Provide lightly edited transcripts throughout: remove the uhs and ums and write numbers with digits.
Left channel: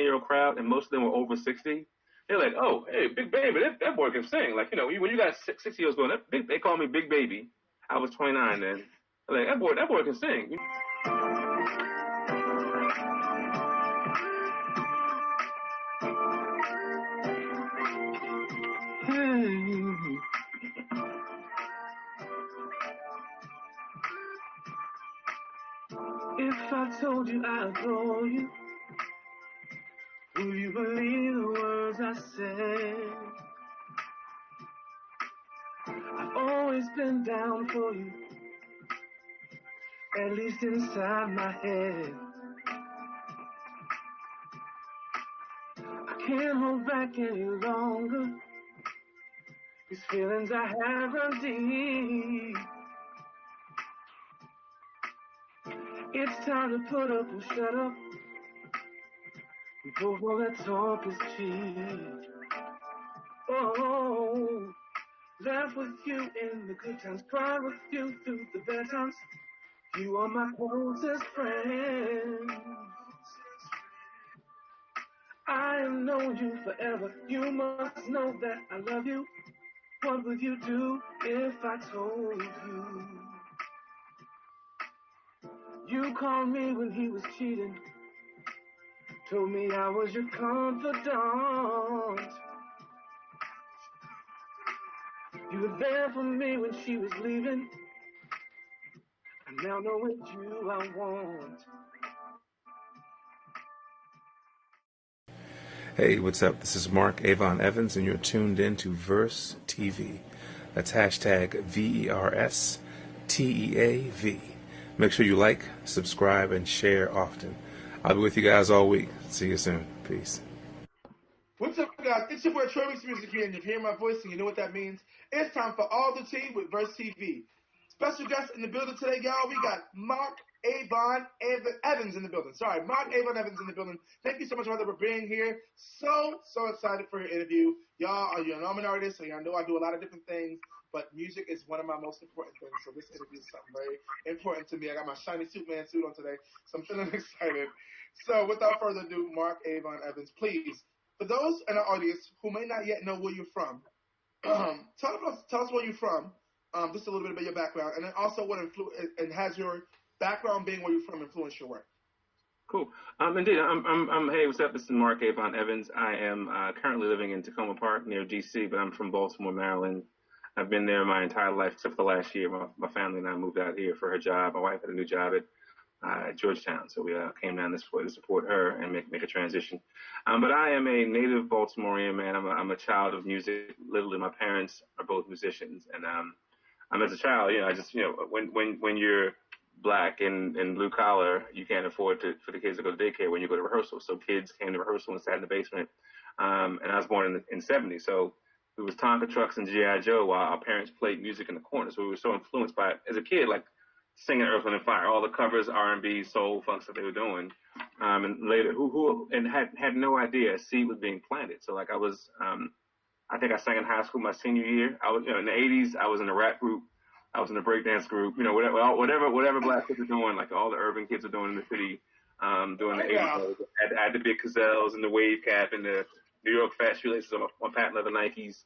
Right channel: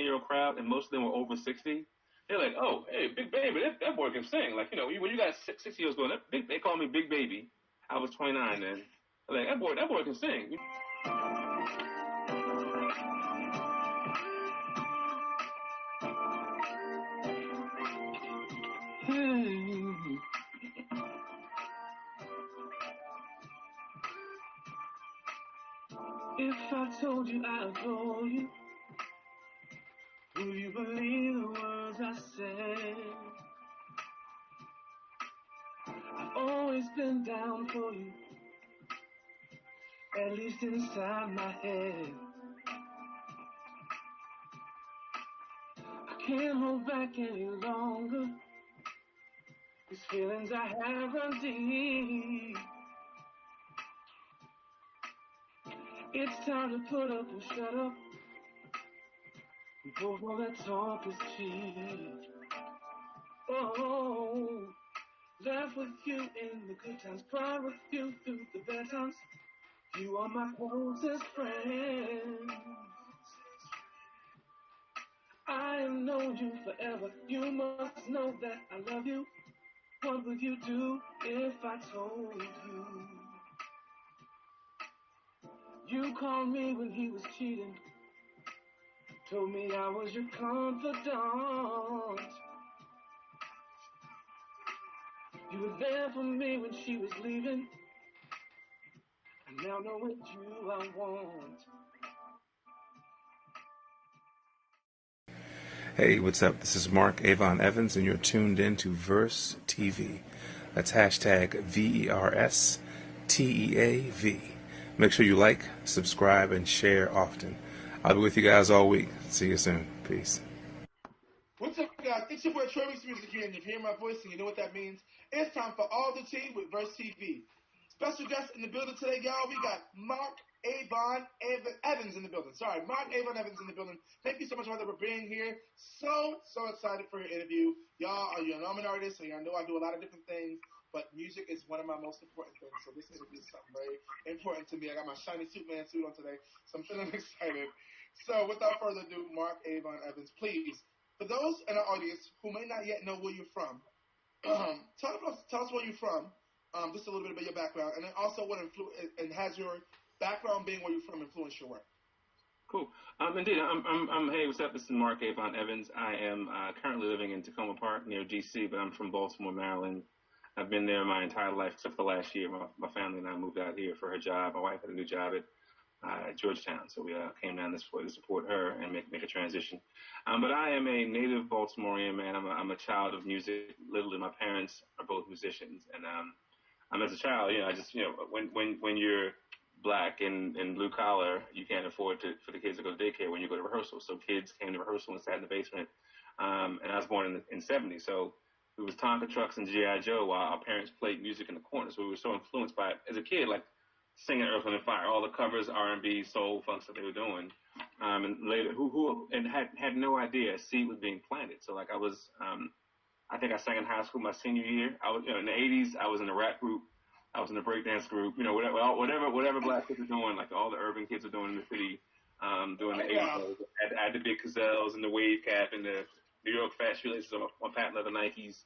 20-year-old crowd, and most of them were over 60. They're like, oh, hey, Big Baby, that boy can sing. Like, when you got 60 years going, they call me Big Baby. I was 29 then. They're like, that boy can sing. If I told you I adore you, will you believe the words I said? I've always been down for you, at least inside my head. I can't hold back any longer. These feelings I have run deep. It's time to put up or shut up. We both know that talk is cheap. Oh, laugh with you in the good times, cry with you through the bad times. You are my closest friend. I have known you forever. You must know that I love you. What would you do if I told you? You called me when he was cheating. Told me I was your confidant. You were there for me when she was leaving. I now know it's you I want. Hey, what's up? This is Marc Avon Evans, and you're tuned in to Verse TV. That's hashtag VERSTEAV. Make sure you like, subscribe, and share often. I'll be with you guys all week. See you soon. Peace. What's up, guys? It's your boy Travis Music here, and you hear my voice, and you know what that means. It's time for All the Tea with Verse TV. Special guest in the building today, y'all. We got Marc Avon Evans in the building. Sorry, Marc Avon Evans in the building. Thank you so much, brother, for being here. So excited for your interview. Y'all, you're an artist, so y'all know I do a lot of different things, but music is one of my most important things. So this interview is something very important to me. I got my shiny Superman suit on today, so I'm feeling excited. So without further ado, Marc Avon Evans, please, for those in our audience who may not yet know where you're from, tell us where you're from. Just a little bit about your background, and then also what and has your background being where you're from influenced your work. Cool. Indeed, hey, what's up? This is Marc Avon Evans. I am currently living in Tacoma Park near D.C., but I'm from Baltimore, Maryland. I've been there my entire life except for the last year. My family and I moved out here for her job. My wife had a new job at Georgetown, so we came down this way to support her and make a transition. But I am a native Baltimorean, man. I'm a child of music. Literally, my parents are both musicians, and as a child, I just, when you're black and blue collar, you can't afford for the kids to go to daycare when you go to rehearsal. So kids came to rehearsal and sat in the basement. And I was born in '70, so it was Tonka trucks and G.I. Joe while our parents played music in the corner. So we were so influenced by it as a kid, like singing Earth, Wind and Fire, all the covers, R&B, soul, funk that they were doing. And later, had no idea a seed was being planted. So like I think I sang in high school my senior year. I was, in the '80s, I was in a rap group. I was in a breakdance group. Whatever black kids are doing, like all the urban kids are doing in the city, during the '80s. I had the big gazelles and the wave cap and the New York fat shoelaces on patent leather Nikes.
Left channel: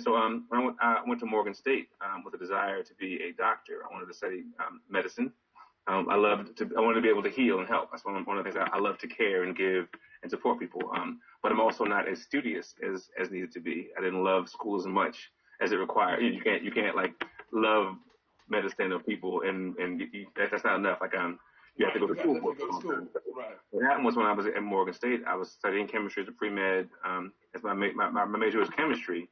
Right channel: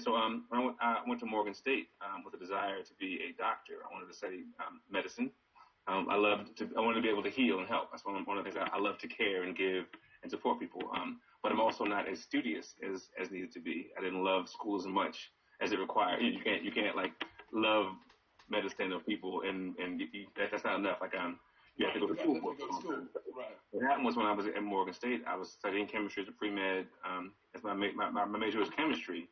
So I went to Morgan State with a desire to be a doctor. I wanted to study medicine. I wanted to be able to heal and help. That's one of the things I love to care and give and support people. But I'm also not as studious as needed to be. I didn't love school as much as it required. You can't like love medicine or people and that's not enough. Like you have to go to school. Right. What happened was when I was at Morgan State, I was studying chemistry as a pre-med. As my major was chemistry,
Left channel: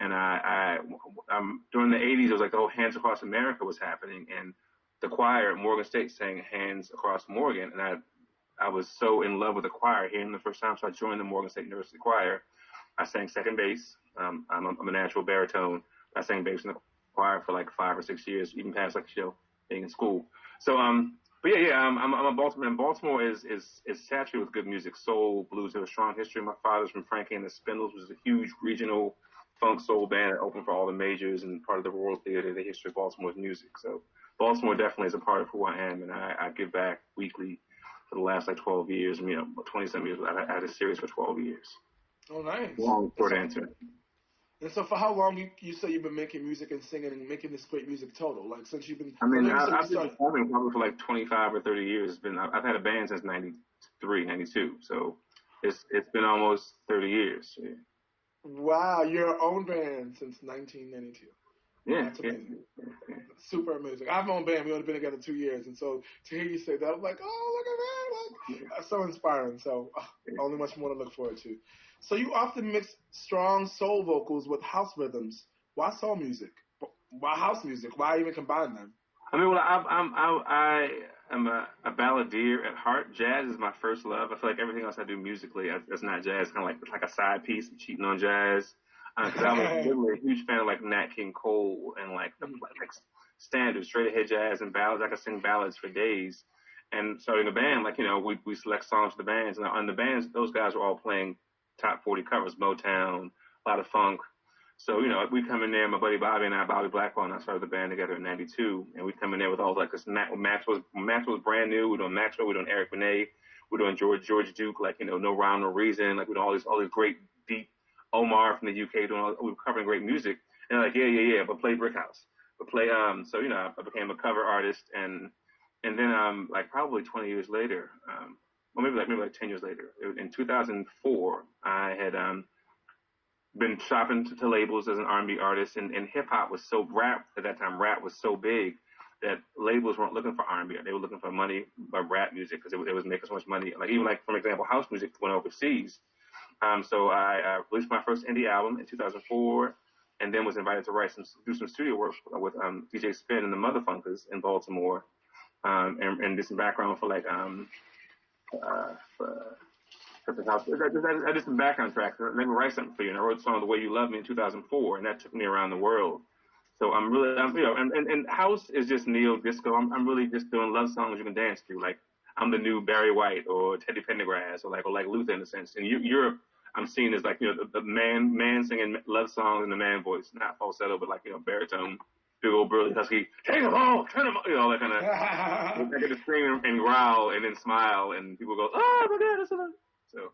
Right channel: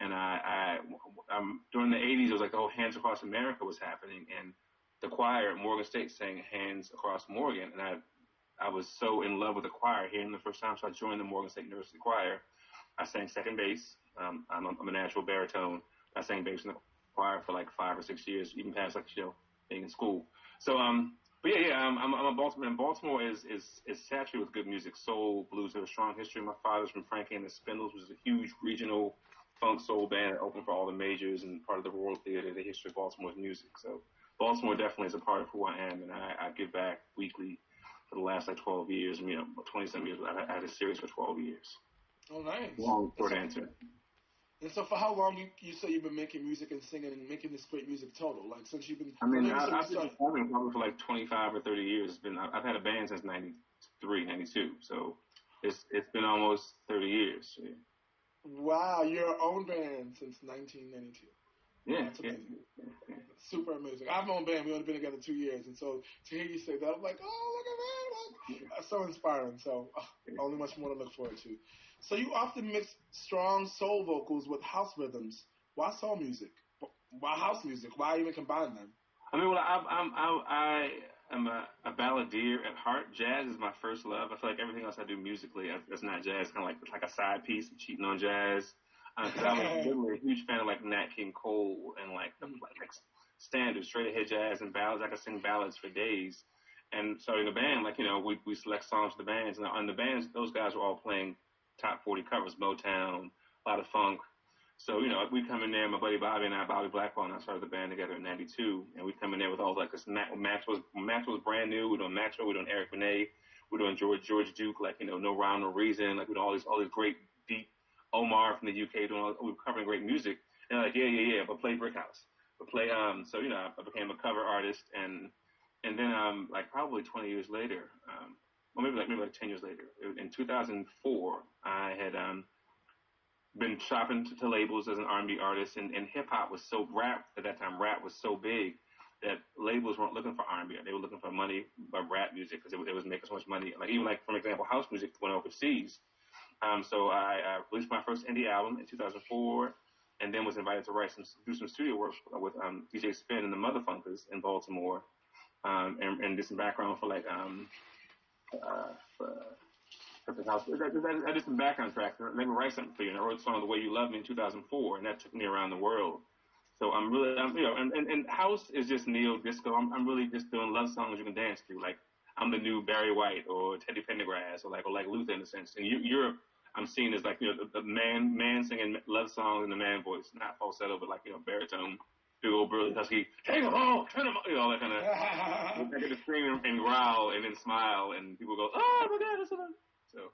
and I during the '80s, it was like the whole Hands Across America was happening, and the choir at Morgan State sang Hands Across Morgan, and I was so in love with the choir hearing the first time, so I joined the Morgan State University Choir. I sang second bass. I'm a natural baritone. I sang bass in the choir for like 5 or 6 years, even past being in school. So I'm a Baltimore. And Baltimore is saturated with good music, soul, blues. They have a strong history. My father's from Frankie and the Spindles, which is a huge regional funk soul band that opened for all the majors and part of the Royal Theater, the history of Baltimore's music. So Baltimore definitely is a part of who I am, and I give back weekly for the last like 12 years. 20-some years. I had a series for 12 years. Oh, nice. Long, short answer. And so, for how long you say you've been making music and singing and making this great music total? Like since you've been. I mean, I've been performing probably for like 25 or 30 years. I've had a band since 93, 92. So it's been almost 30 years. Yeah. Wow, your own band since 1992. Yeah, that's amazing. Yeah. Super amazing. I have my own band. We only been together 2 years, and so to hear you say that, I'm like, oh, look at that! Like, that's so inspiring. So, only much more to look forward to. So you often mix strong soul vocals with house rhythms. Why soul music? Why house music? Why even combine them? I mean, well, I am a balladeer at heart. Jazz is my first love. I feel like everything else I do musically that's not jazz, kind of like a side piece. I'm cheating on jazz. Because I was literally a huge fan of like Nat King Cole and like standard straight ahead jazz and ballads. I could sing ballads for days. And starting a band, like we select songs for the bands, and on the bands, those guys were all playing top 40 covers, Motown, a lot of funk. So we come in there, my buddy Bobby and I, Bobby Blackwell, and I started the band together in '92, and we come in there with all like this. Maxwell's brand new. We're doing Maxwell, we're doing Eric Benet, we're doing George Duke, like No Rhyme No Reason, like we're doing all these great deep. Omar from the UK we were covering great music, and like yeah, but play Brick House, but play so I became a cover artist, and then like probably 20 years later, or maybe like 10 years later, in 2004, I had been shopping to labels as an R&B artist, and hip hop was so rap at that time. Rap was so big that labels weren't looking for R&B; they were looking for money by rap music because it was making so much money. Like even like for example, house music went overseas. So I released my first indie album in 2004, and then was invited to do some studio work with DJ Spin and the Motherfunkers in Baltimore, and did some background for like Perfect House. I did some background tracks. Let me write something for you, and I wrote a song "The Way You Love Me" in 2004, and that took me around the world. So I'm really, and house is just neo disco. I'm really just doing love songs you can dance to, like. I'm the new Barry White or Teddy Pendergrass or like Luther in a sense. In Europe, I'm seen as like the man singing love songs in the man voice, not falsetto, but like baritone, big old burly husky. Take them all, turn them all, all that kind of. I get to scream and growl and then smile, and people go, oh my God, that's so. So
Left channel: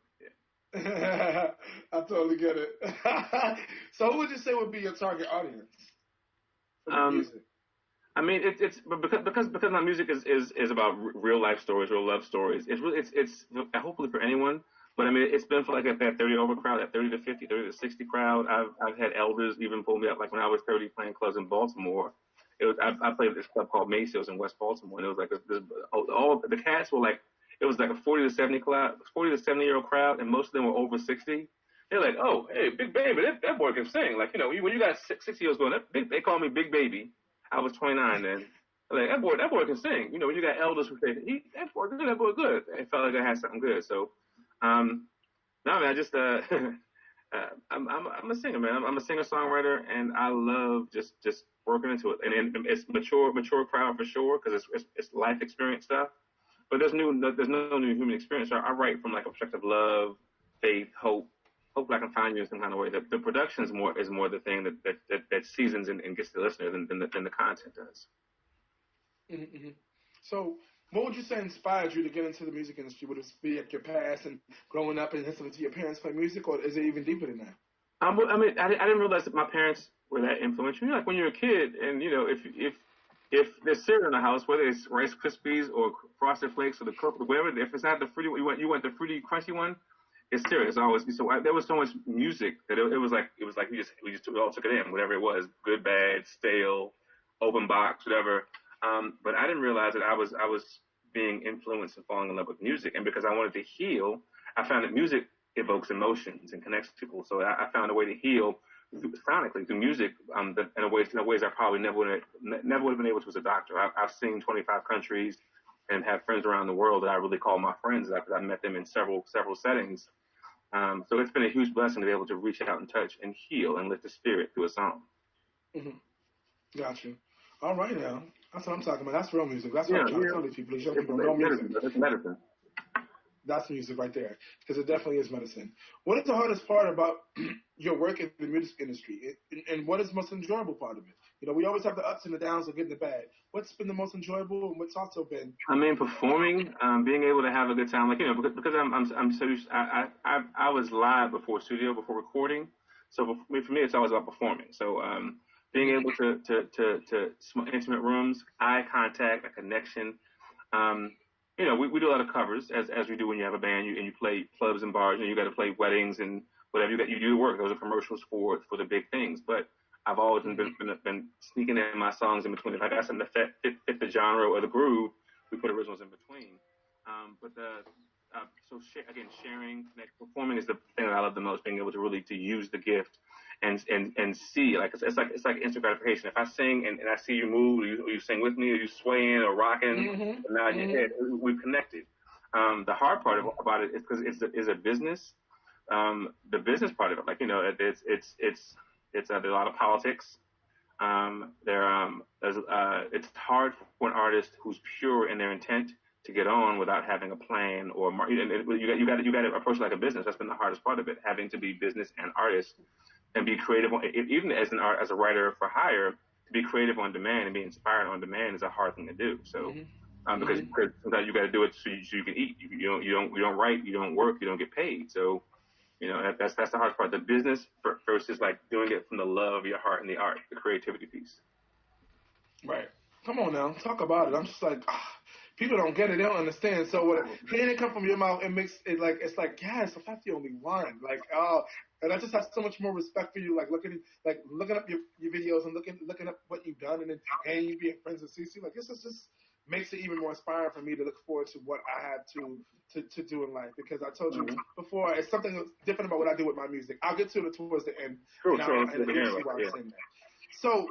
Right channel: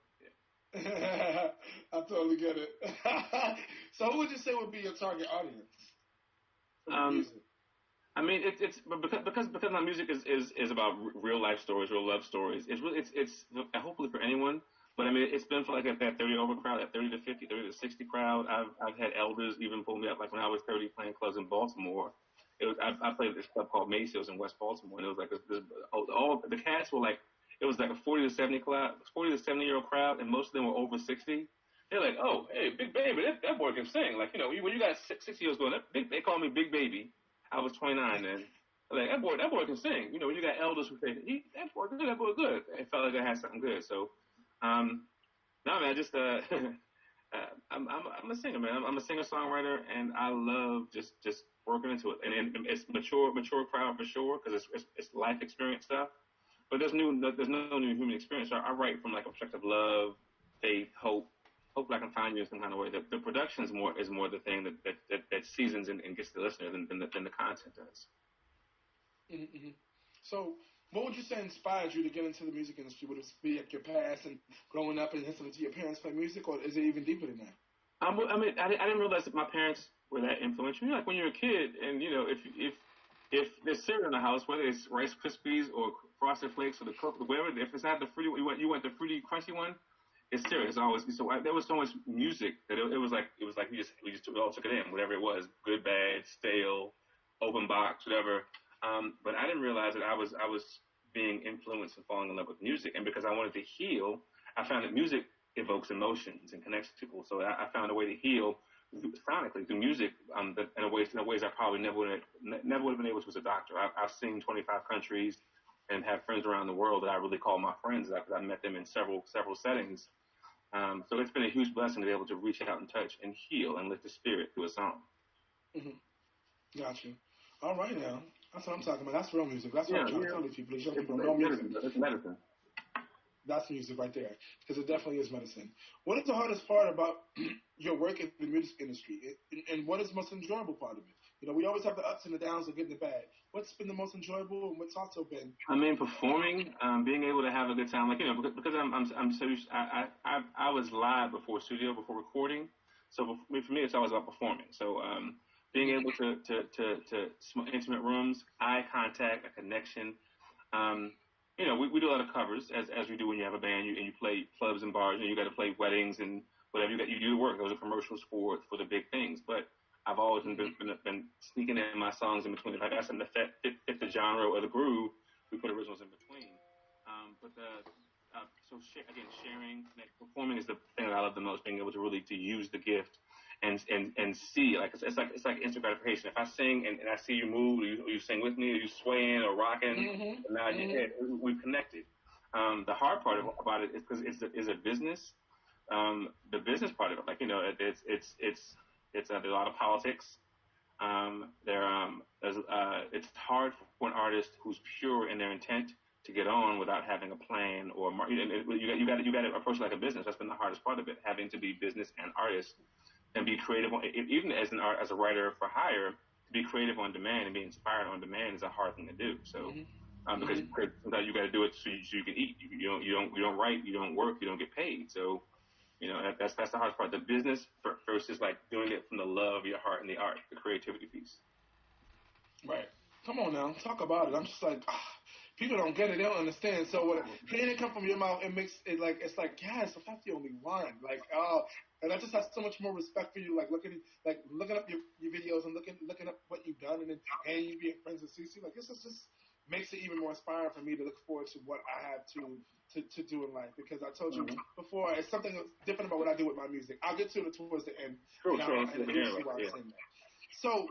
yeah. I totally get it. So who would you say would be your target audience for music? I mean, it's because my music is about real life stories, real love stories. It's really it's hopefully for anyone, but I mean it's been for like that 30 over crowd, that 30 to 50, 30 to 60 crowd. I've had elders even pull me up, like when I was 30 playing clubs in Baltimore. I played at this club called Macy's in West Baltimore, and it was like all the cats were like it was like a 40 to 70-year-old crowd, and most of them were over 60. They're like, oh, hey, Big Baby, that boy can sing. Like when you got 60-year-olds going, they call me Big Baby. I was 29 then. Like that boy can sing. When you got elders who say, that boy good. It felt like I had something good. So, no man, I just I'm a singer, man. I'm a singer songwriter, and I love just working into it. And it's mature crowd for sure because it's life experience stuff. But there's no new human experience. So I write from like a perspective of love, faith, hope. Hopefully I can find you in some kind of way. The production is more the thing that seasons and gets the listener than the content does. Mm-hmm. So, what would you say inspired you to get into the music industry? Would it be like your past and growing up and listening to your parents play music, or is it even deeper than that? I mean, I didn't realize that my parents were that influential. Like when you're a kid, and if there's cereal in the house, whether it's Rice Krispies or Frosted Flakes or the Coke, whatever, if it's not the fruity, you want the fruity crunchy one. It's serious. Always. So there was so much music that it was like we all took it in, whatever it was, good, bad, stale, open box, whatever. But I didn't realize that I was being influenced and falling in love with music, and because I wanted to heal, I found that music evokes emotions and connects people. So I found a way to heal sonically through music in ways I probably never would have been able to as a doctor. I've seen 25 countries and have friends around the world that I really call my friends because I met them in several settings. So it's been a huge blessing to be able to reach out and touch and heal and lift the spirit through a song. Mm-hmm. Got you. All right now. That's what I'm talking about. That's real music. That's what I'm trying to tell these people. These young people know music. It's medicine. That's music right there, because it definitely is medicine. What is the hardest part about your work in the music industry, and what is the most enjoyable part of it? You know, we always have the ups and the downs of good and the bad. What's been the most enjoyable, and what's also been? I mean, performing, being able to have a good time, like because I'm so used. I was live before studio, before recording, so for me, it's always about performing. So being able to intimate rooms, eye contact, a connection. Um, we do a lot of covers as we do when you have a band, and you play clubs and bars, and you got to play weddings and whatever you do work. Those are commercials for the big things, but I've always been sneaking in my songs in between. If I got something that fit the genre or the groove, we put originals in between. But again, sharing, performing is the thing that I love the most. Being able to really to use the gift and see, like it's like instant gratification. If I sing and I see you move, or you sing with me, or you swaying or rocking, nod your head, we've connected. The hard part about it is because it's a business. The business part of it, like there's a lot of politics. It's hard for an artist who's pure in their intent to get on without having a plan or you got to approach it like a business. That's been the hardest part of it, having to be business and artist and be creative. Even as a writer for hire, to be creative on demand and be inspired on demand is a hard thing to do. So. Because sometimes you got to do it so you can eat. You don't write, you don't work, you don't get paid. So that's the hardest part. The business versus like doing it from the love of your heart and the art, the creativity piece. Right. Come on now, talk about it. I'm just like, people don't get it, they don't understand. So when hearing it come from your mouth, it makes it like it's like, yes, if that's the only one. Like, and I just have so much more respect for you. Like looking up your videos and looking up what you've done, and you being friends with Cece. Like this is just makes it even more inspiring for me to look forward to what I have to do in life. Because I told you before, it's something different about what I do with my music. I'll get to it towards the end. True, and you'll see why I'm saying that. So.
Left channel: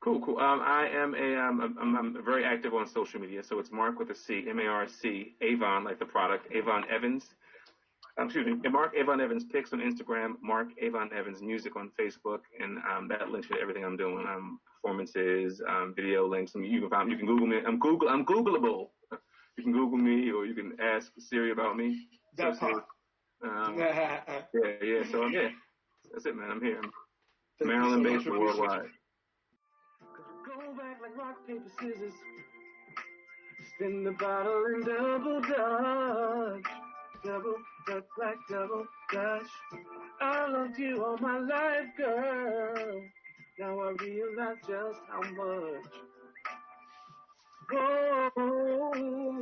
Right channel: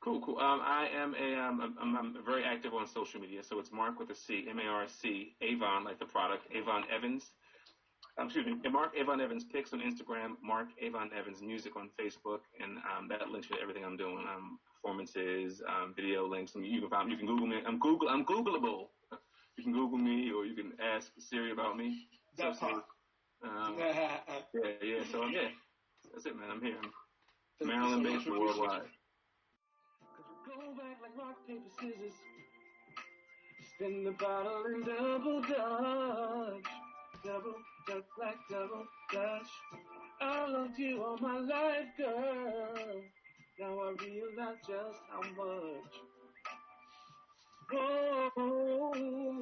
Cool. I'm very active on social media. So it's Marc with a C, MARC, Avon, like the product, Avon Evans. Excuse me, Marc Avon Evans Pics on Instagram, Marc Avon Evans Music on Facebook, and that links to everything I'm doing. Performances, video links. You can Google me. I'm Googleable. You can Google me, or you can ask Siri about me. That's hot. Yeah. So I'm here. That's it, man. I'm here. Maryland-based and worldwide. Go back like rock, paper, scissors. Spin the bottle and double dutch. Double dutch like double dutch. I loved you all my life, girl. Now I realize just how much. Oh,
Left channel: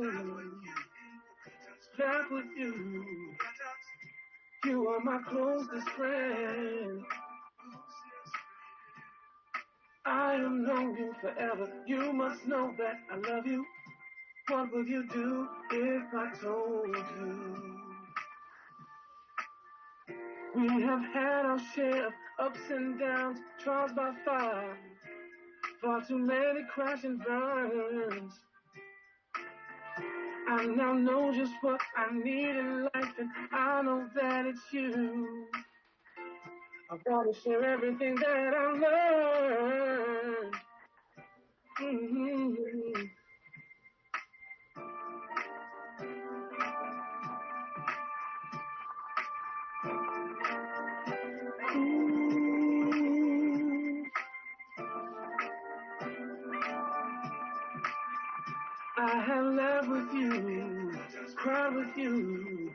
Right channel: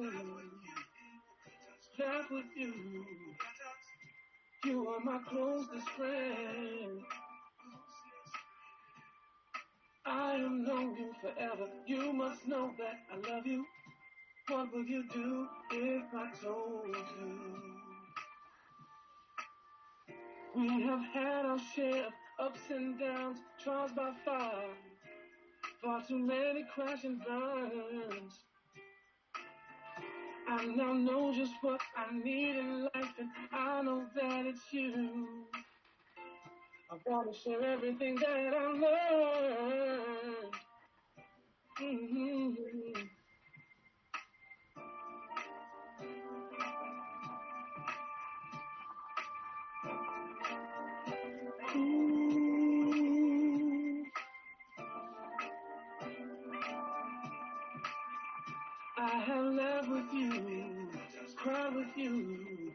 back with you. You are my closest friend. I have known you forever. You must know that I love you. What would you do if I told you? We have had our share of ups and downs, trials by fire, far too many crash and burns. I now know just what I need in life, and I know that it's you. I want to share everything that I learned. Mm-hmm. I have laughed with you, cried with you.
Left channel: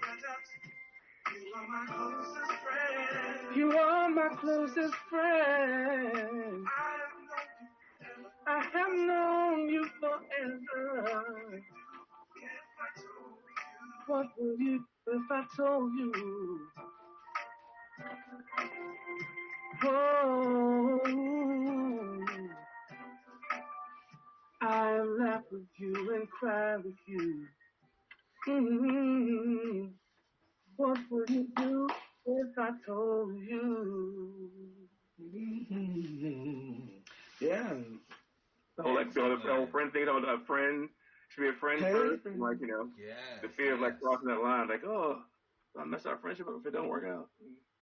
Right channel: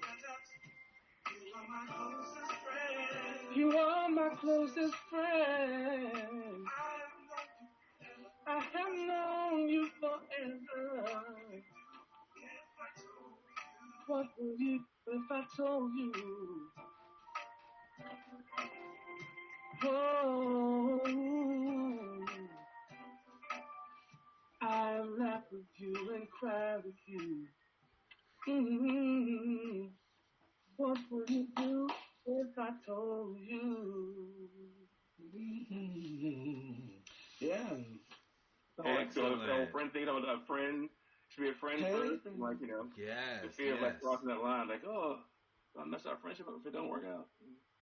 You are my closest friend. I have known you forever. What would you do if I told you? Oh, I laugh with you and cry with you. Mm-hmm. What would you do if I told you? Mm-hmm. Yeah. Like the old friend thing, a friend should be a friend first, and like the fear of like crossing that line, like I mess our friendship up if it don't work out.